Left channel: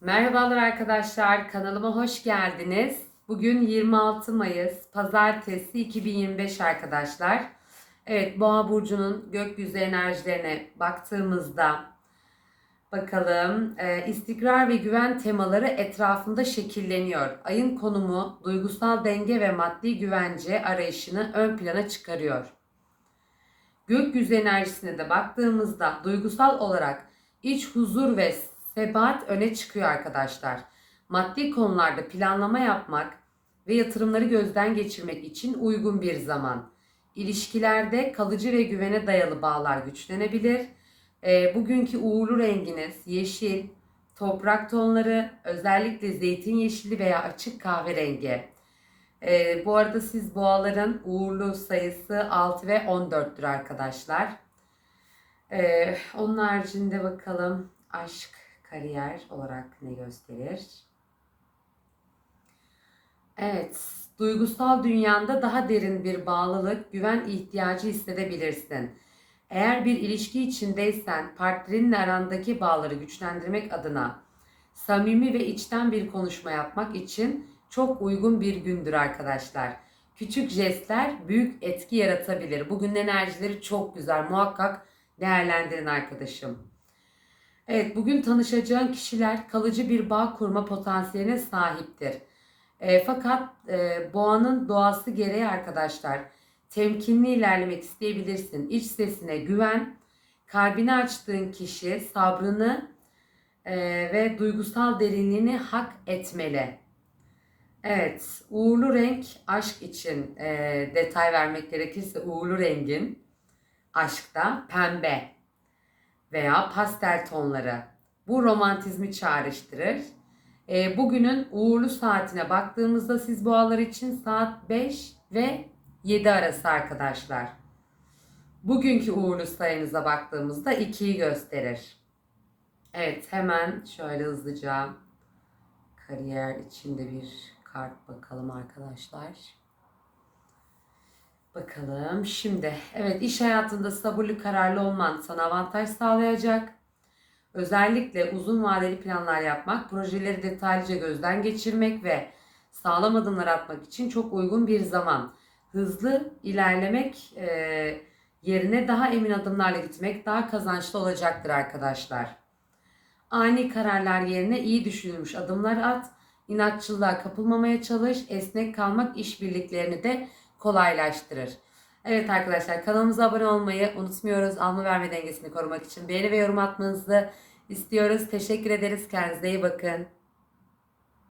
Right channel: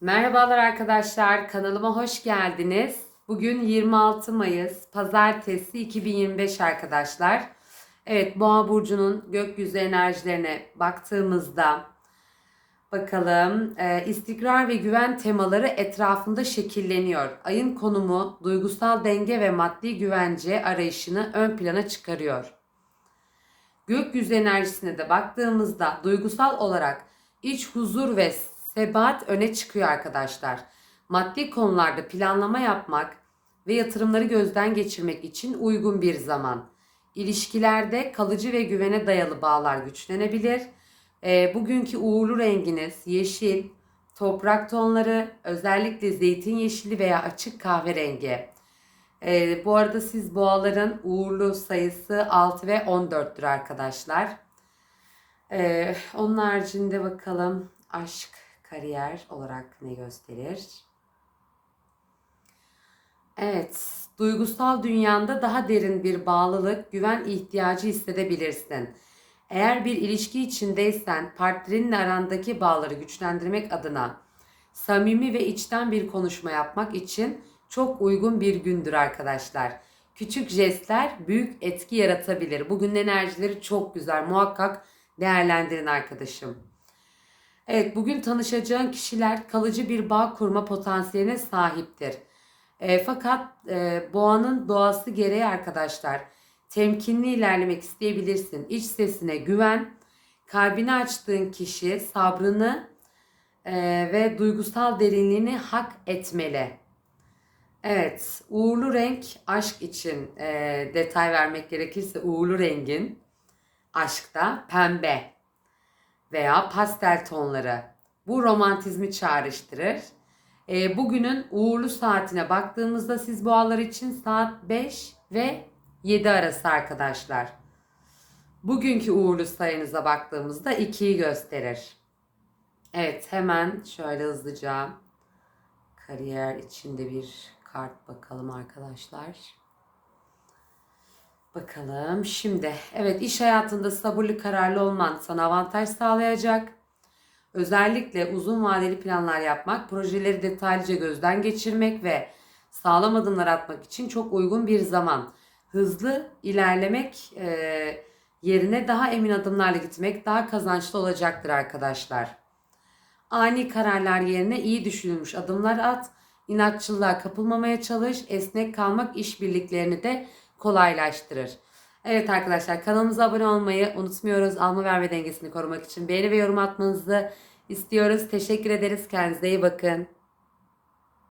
Merhabalar arkadaşlar, kanalıma hoş geldiniz. Bugün 26 Mayıs, Pazartesi 2025 arkadaşlar. Evet, Boğa burcunun gökyüzü enerjilerine baktığımızda bakalım e, istikrar ve güven temaları etrafında şekilleniyor. Ayın konumu duygusal denge ve maddi güvence arayışını ön plana çıkarıyor. Gökyüzü enerjisine de baktığımızda duygusal olarak iç huzur ve sebat öne çıkıyor arkadaşlar. Maddi konularda planlama yapmak ve yatırımları gözden geçirmek için uygun bir zaman. İlişkilerde kalıcı ve güvene dayalı bağlar güçlenebilir. E, bugünkü uğurlu renginiz yeşil, toprak tonları, özellikle zeytin yeşili veya açık kahverengi. E, bu arada siz boğaların uğurlu sayısı 6 ve 14'tür arkadaşlar. E, onun haricinde bakalım aşk, kariyer olarak ne gösterir? Evet, duygusal dünyanda daha derin bir bağlılık, güven ihtiyacı hissedebilirsin. Eğer bir ilişki içindeysen partnerinle arandaki bağları güçlendirmek adına samimi ve içten bir konuşma yapmak için çok uygun bir gündür arkadaşlar. Küçük jestler büyük etki yaratabilir. Bugün enerjileri çok güzel. Muhakkak değerlendirin arkadaşım. Evet, bugün tanışacağın kişiler kalıcı bir bağ kurma potansiyeline sahiptir. E, fakat e, boğanın doğası gereği arkadaşlar temkinli ilerlemek isteyebilirsin. İç sesine güven, kalbini açtığın kişi sabrını e, ve duygusal derinliğini hak etmeli. Evet, uğurlu renk aşk için e, detay vermek gerekirse uğurlu rengin aşkta pembe veya pastel tonları. Bu romantizmi çağrıştırır. E, bugünün uğurlu saatine baktığımızda siz boğalar için saat 5 ve 7 arası arkadaşlar. Bugünkü uğurlu sayınıza baktığımızda 2'yi gösterir. Evet hemen şöyle hızlıca kariyer içinde bir kart bakalım arkadaşlar. Bakalım şimdi evet iş hayatında sabırlı kararlı olman sana avantaj sağlayacak. Özellikle uzun vadeli planlar yapmak, projeleri detaylıca gözden geçirmek ve sağlam adımlar atmak için çok uygun bir zaman. Hızlı ilerlemek e, yerine daha emin adımlarla gitmek daha kazançlı olacaktır arkadaşlar. Ani kararlar yerine iyi düşünülmüş adımlar at. İnatçılığa kapılmamaya çalış. Esnek kalmak işbirliklerini de kolaylaştırır. Evet arkadaşlar kanalımıza abone olmayı unutmuyoruz. Alma verme dengesini korumak için beğeni ve yorum atmanızı istiyoruz. Teşekkür ederiz. Kendinize iyi bakın.